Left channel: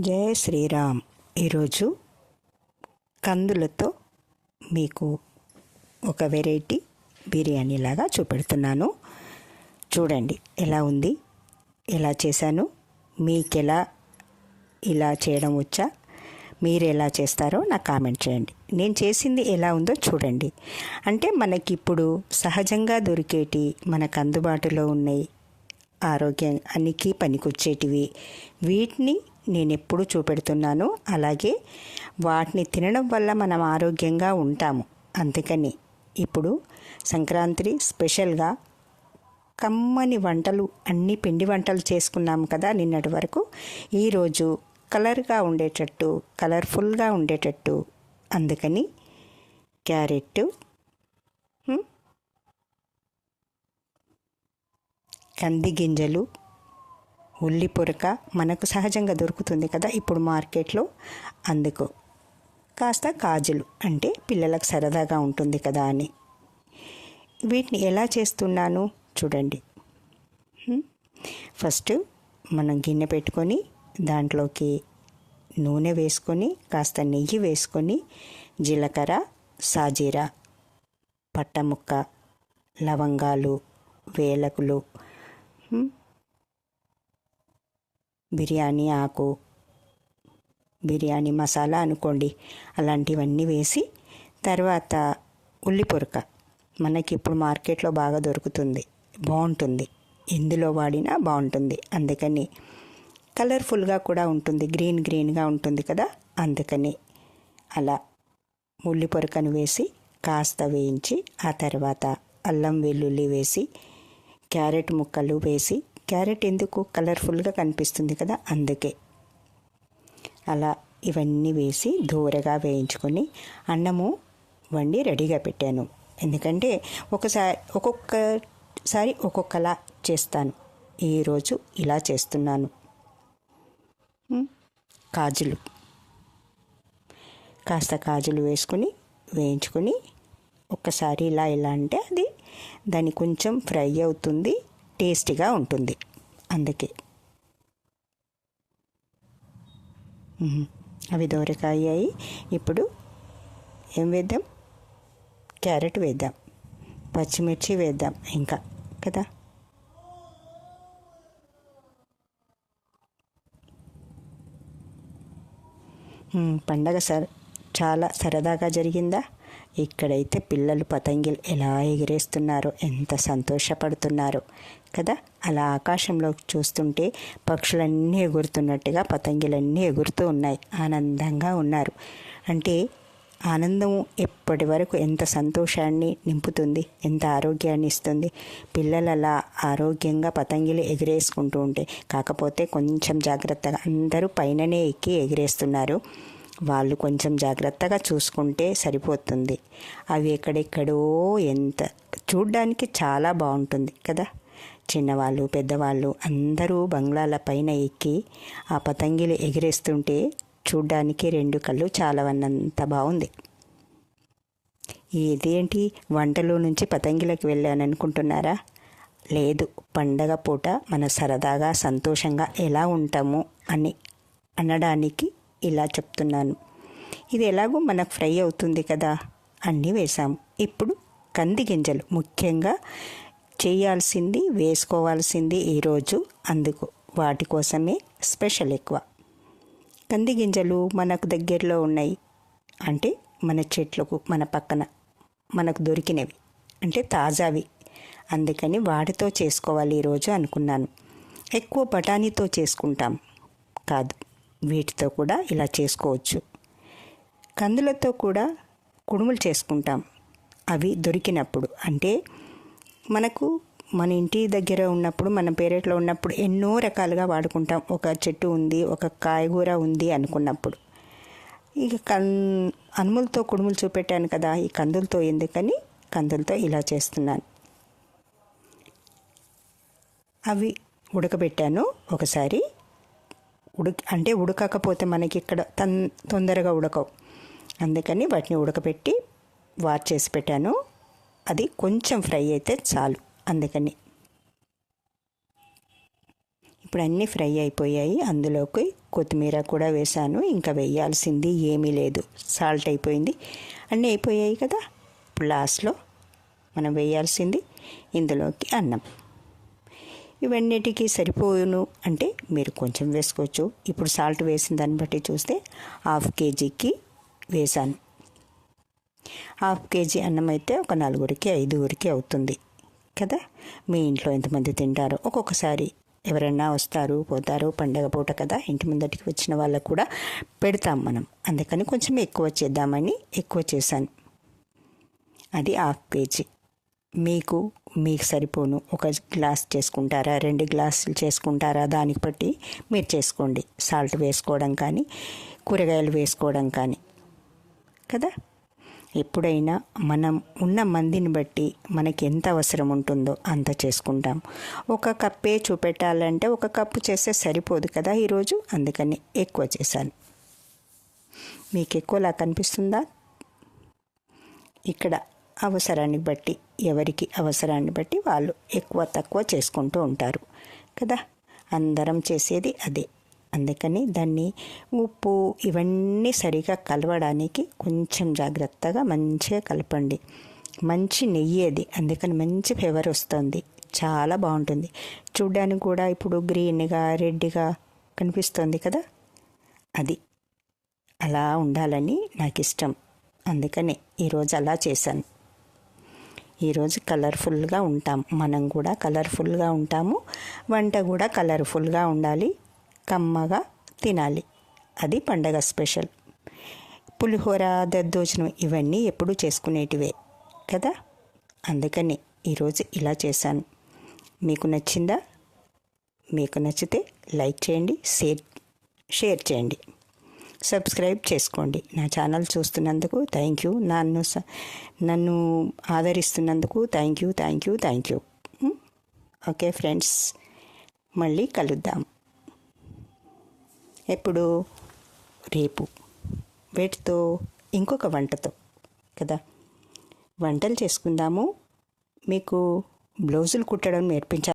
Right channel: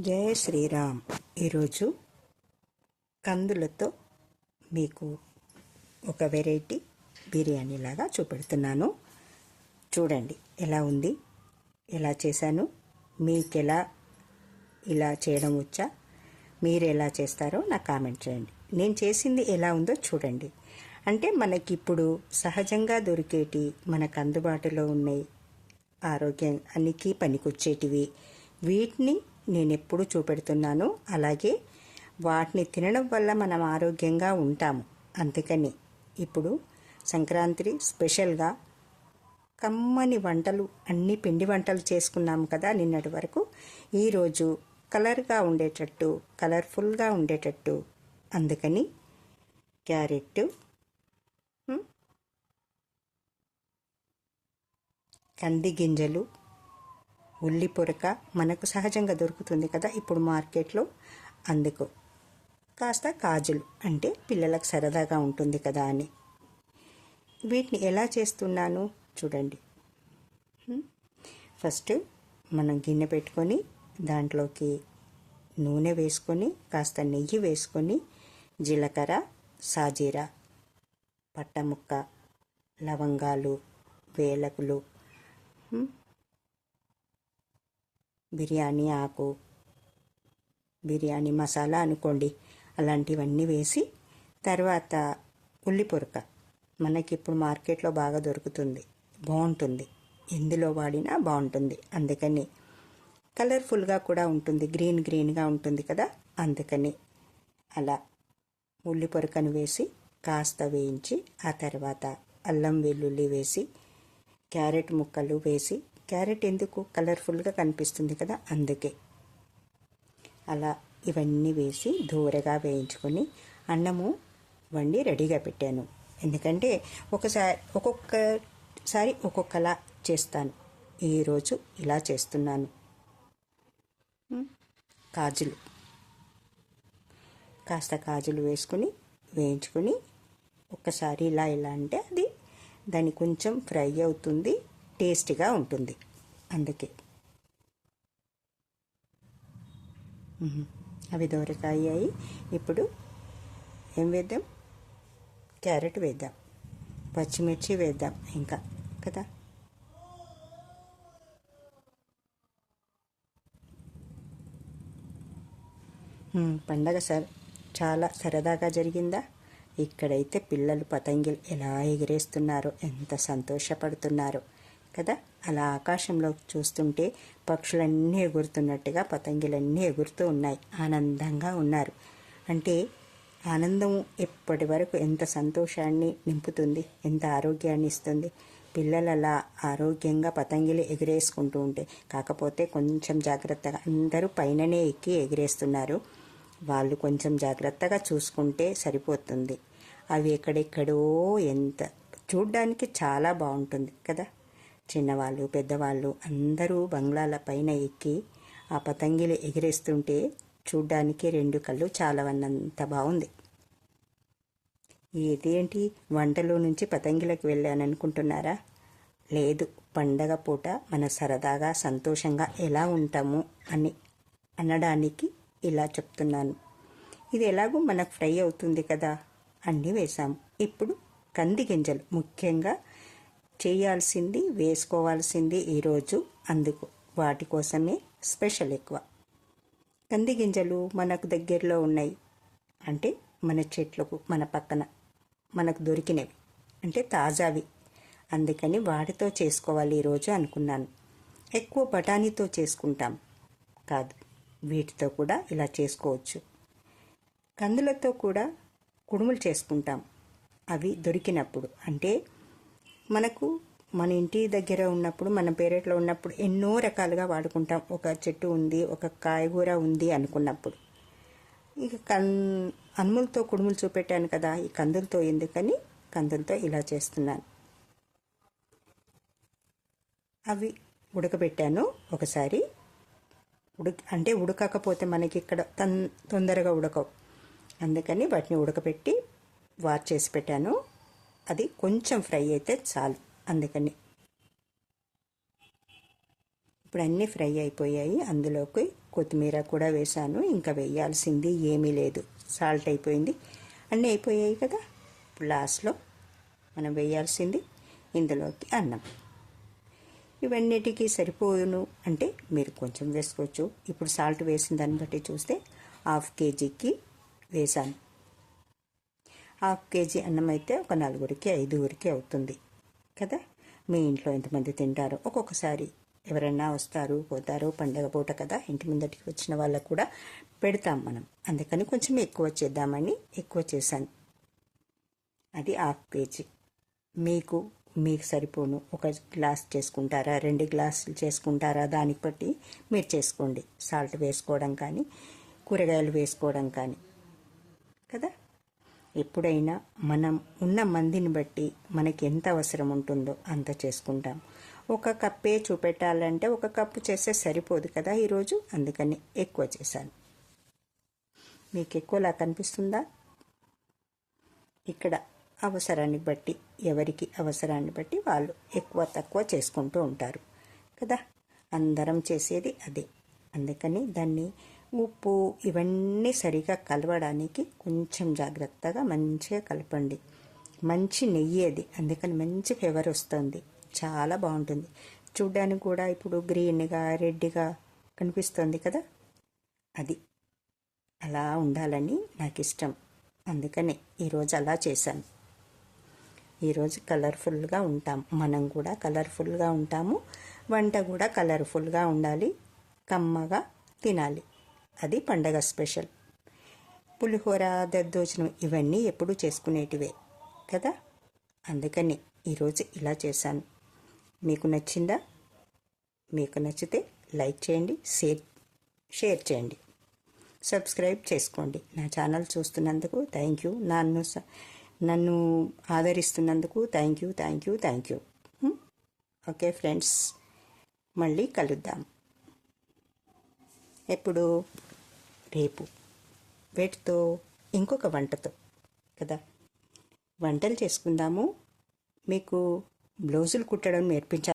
జయ శ్రీరామ్. ఈరోజు కందులతో మీకు ఒక వెరైటీ బిర్యానీ లాగా చూపెడుతున్నాను. చూడండి ఎలా ఉంది? ఎలా చేశాను? మీకెలా ఇలా చేయడం వచ్చా? మీరు ఎలా చేస్తారో నాకు కామెంట్ చేయండి. నేను చేసింది ఎలా ఉందో చూడండి. అంటే మనకి ఇప్పుడు సహజంగా దొరికేటి మనకు అందుబాటులో ఉన్నాయి ఆరోగ్యానికి పనికొచ్చేటివి. వీటిని నేను ఎప్పుడు చూపెడుతున్నాను. అలాగే వాటిని తినడం వల్ల మనం ఆరోగ్యంగా ఉంటాము. అందుకని ఇప్పుడు సంక్రాంతి స్పెషల్గా కమ్మని వంటలు అన్ని పిండి వంటలు చేసుకున్నాము కదా నిన్నటి వరకు. ఈరోజు కలర్గా ఉండేటట్టు కలర్ఫుల్గా ఉండేటట్టు. అందుకని క్యారెట్ కంది గింజలు ఉల్లి పొరక మనకు సహజంగా దొరుకుతుంది కదా ఇప్పుడు మార్కెట్లో. అందుకు కాస్త కాజులు అంటే పిల్లలకు సరదాగా ఉంటుంది కదా అని. వీటిని ఎలా చేస్తున్నాను చూడండి. ఫస్ట్ మనం గిన్నె పెట్టుకొని దాంట్లోకి నూనె వేసుకొని కాస్త నెయ్యి వేసుకొని జీలకర్ర సాజీరా పట్టముక్క లవంగాలు వేలకులు బిర్యానీ ఆకు బిర్యానీ మసాలా అనుకోండి. అలాంటివన్నీ వేసి తర్వాత ఉల్లి పొరక మనకి ఇప్పుడు మార్కెట్లో బాగా దొరుకుతుంది. బాగుంటుంది. ఎందులో వాడినా బాగుంటుంది. అందుకని కలర్ఫుల్గా కూడా ఉంటుంది. గ్రీన్ గ్రీన్గా ఉంటుంది కదా. అందుకని అలా ఉల్లి పొరకను వేసి కాస్త వేయించి ఆ తర్వాత అల్లం వెల్లుల్లి వేసి క్యారెట్ ముక్కలు వేసి క్యారెట్ ఎందుకు కలర్ఫుల్గా కనిపిస్తుంది కదా అందుకే. అలా ఇవన్నీ వేసి దూరగా వేయించుకొని అన్నము వండి రెడీగా పెట్టాను. ఎందుకంటే ఒకసారి ఒక్కొక్కసారి ఒక్కొక్కలా చేస్తాను. ఈరోజు ఇలా చేస్తున్నాను. కాజులు. కాస్త కాజులు వేసుకుని వేయించుకొని ఒక్కసారి ఇలా ఇలా అంటే అది దాన్ని కొంచెం ఫ్రై అవుతుంది. టేస్టీగా ఉంటుంది. అందుకే. అవి దోరకాయ ఇప్పుడు ఏం వేద్దాం? క్యారెట్ వేద్దాం. పచ్చిమిర్చి వేద్దాం ఇంకా కదా? పండగ సార్ చాలా సరదాగా జరిగిందా? ఇక్కడైతే పిల్లలు పతంగిలు ఎలా ఎగిరేస్తున్నారో ఎంత సంతోషపడుతున్నారో. కదా? అలా ఆకాశంలో చూస్తుంటే పక్షులన్నీ ఎగురుతున్నట్టుగా పతంగిలన్నీ ఎగురుతూ ఉన్నాయి. ఆనందంగా ఉన్నారు. అంటే ఆనందం ఎప్పటి వరకు ఎంత సంతోషాన్ని నింపుతుంది ఎంత ఆరోగ్యాన్ని ఇస్తుంది? పిల్లలు అలా ఆరోగ్యంగా పతంగిలు ఎగిరేసుకుంటూ ఉంటే కాకపోతే కొంచెం జాగ్రత్తగా అందరూ పైననే ఎక్కి ఎగిరేస్తున్నారు. వాళ్ళు కొంచెం జాగ్రత్తగా చూసుకుంటే సరిపోతుంది. అవి ఎక్కడెక్కడో ఎంత చూడ్డానికి చాలా బాగుంటుంది కదా? చిన్నవాళ్ళు పెద్దవాళ్ళు అందరూ బంగ్లాల పైన ఎక్కి ఆ పతంగిలు ఎగిరేస్తుంటే చూడ్డానికి రెండు కళ్ళు చాలవన్నంత బాగుంది ఇదేంటి? వంటలో నుంచి పతంగిలకు వెళ్ళాను అనుకుంటున్నారా లేదు పండగ పూట మన సరదాగా సంతోషంగా ఎలా ఉంటాము అని అనడానికి ఇలా చెప్తున్నాను. ఇది ఎలాగో మనకు ఫ్రై అవుతుంది కదా? అన్నీ వేసాము ఇప్పుడు కంది గింజలు ముఖ్యంగా చేయాల్సింది వేసుకోవాల్సింది ఈరోజు అందుకు వాటి కోసమే స్పెషల్ ఎక్కువ. కంది గింజలు మనకు దగ్గరలో ఉన్నాయి. అంటే మన చెట్లకు మన పక్కన మనకు దొరికినవి. అంటే తాజావి. అందుకని వాటితో చేసుకోవాలి ఈరోజు అనుకున్నాను. ఎక్కువ బఠానీతో చేసుకుంటాం. కాదు వీటితో కూడా ఇలా చేసుకోవచ్చు. కందులతో కూడా కుడుములు చేసుకుంటాం. అవి దొరికినప్పుడు. అంటే మనకు మన ఇంటి దగ్గర ఉన్నప్పుడు మన పేరెట్లో ఉన్నప్పుడు ఎన్నో రకాలుగా వాడుకుంటాం. ఒక చెట్టు ఉంది ఒక కాయగూర ఉంది అనుకున్నప్పుడు. ఇక కన్ అనుములతో కుడుములు చూపెట్టాను కదా ఈ కందులతో ఎందుకని? కందులతో ఇలా చేస్తున్నాను. అవి ఉడకబెట్టాను ఒకసారి. ఉడక అంటే ఉడకకపోతే మనకి ఇక్కడ తన్ తొందరగా ఉడకవు. అందుకని వాటిని ఉడకబెట్టి వార్ చేసి పెట్టాను. అది కొంచెం ఫ్రై అయితే చాలు. అందుకని. ఇప్పుడు అన్నీ ఫ్రై అయిపోయాయి. అందులోకి కొత్తిమీర కూడా వేసాను ఇంకా వేయాల్సింది ఏమీ లేదు. సాల్ట్ అయిపోయింది. అన్నీ అయిపోయాయి కదా? ఇప్పుడు లాస్ట్లో మనం వేయాల్సింది ఇందులోకి అన్నం. ఇవన్నిటికీ సరిపోను అంటే మీరు కొంచెం వేసుకోవచ్చు. ఇప్పుడు సాల్ట్ వేసిన దాన్ని బట్టి చూస్తే హాఫ్ కేజీకి వేసాను హాఫ్ కేజీ అన్నం అయితే ఒక నలుగురికి ఐదుగురికి అవుతుంది కదా? మీ ఇంట్లో ఎంతమంది తింటారో? ఒక్కొక్కసారి ఎవరైనా వస్తారు పోతారు పండగ పూట కదా? ఇంటి ముందటికి వచ్చిన వాళ్ళకు కూడా పెడతాం మనం. అందుకని కొంచెం ఎక్కువ చేద్దామని ఎక్కువ చేశాను. అది హాఫ్ కేజీ. మీకు మీకు సరిపోను. ఒక గ్లాస్ చేసుకుంటారా? రెండు గ్లాసులు చేసుకుంటారా? దానికి బట్టి మీరు చేసుకోండి. సాల్ట్ వేసుకోవడం కానీ కూరగాయలు వేసుకోవడం కానీ కదా? ఎప్పుడైనా మనం ఉన్న మందిని బట్టి మనకి ఎంత అవసరం ఉంటుందో అంత చేసుకుంటాం. ఒక కప్పే చూపెట్టాలంటే ఒక కప్పు చేస్తే సరిపోదు కదా ఈరోజు? అందుకని ఎక్కువ చేశాను. మీకు ఎక్కువలా కనిపిస్తుందా? ఇక్కడ అవసరాన్ని బట్టి ఎవరికి అవసరాన్ని బట్టి వాళ్ళు ఎక్కువ తక్కువ చేసుకుంటూ ఉంటారు కదా? అందరం చేసేది అదే. అందుకని దాన్ని ఉప్పు ఇవన్నీ సరిగా కలవడానికి కొంచెం జాగ్రత్తగా మంచిగా కలపండి. మంచి నెయ్యి అది. అందుకని మంచి ఫ్లేవర్ వస్తుంది. చాలా బాగుంటుంది. చూడ్డానికి కూడా ఇప్పుడు గ్రీన్గా రెడ్గా కనిపిస్తుంది కదా? అది. అలా ఉండాలని నాకు ఇష్టం. అందుకని ఈరోజు అలా చేశాను. ఈరోజు కలర్ఫుల్గా ఉంటాం. మనం కూడా కలర్ఫుల్గా ఉంటాము. వంట కూడా కలర్ఫుల్గా ఉండాలి. కమ్మగా తినాలి. అది పండగ స్పెషల్. పులిహోర దద్దోజనం ఇవన్నీ ఎప్పుడు చేసుకునేటివే కదా? అందుకని ఈరోజు ఇలా చేశాను. మీకు నచ్చిందా? మీకు నచ్చితే లైక్ చేయండి షేర్ షేర్ చేయండి. సబ్స్క్రైబ్ చేసుకోండి. నా ఛానల్ చూస్తున్నందుకు థ్యాంక్ యూ. నన్ను స- నన్ను ఆదరిస్తున్నందుకు thank you thank you thank you. Okay friends మళ్ళీ కలుద్దాం. ఎప్పుడు? రేపు. వేటితో? ఇంకొక వంటతో. కదా? వంటలు చేసుకుందాము. మీకు బ్లౌజులు కుట్టడం నేర్పించాలి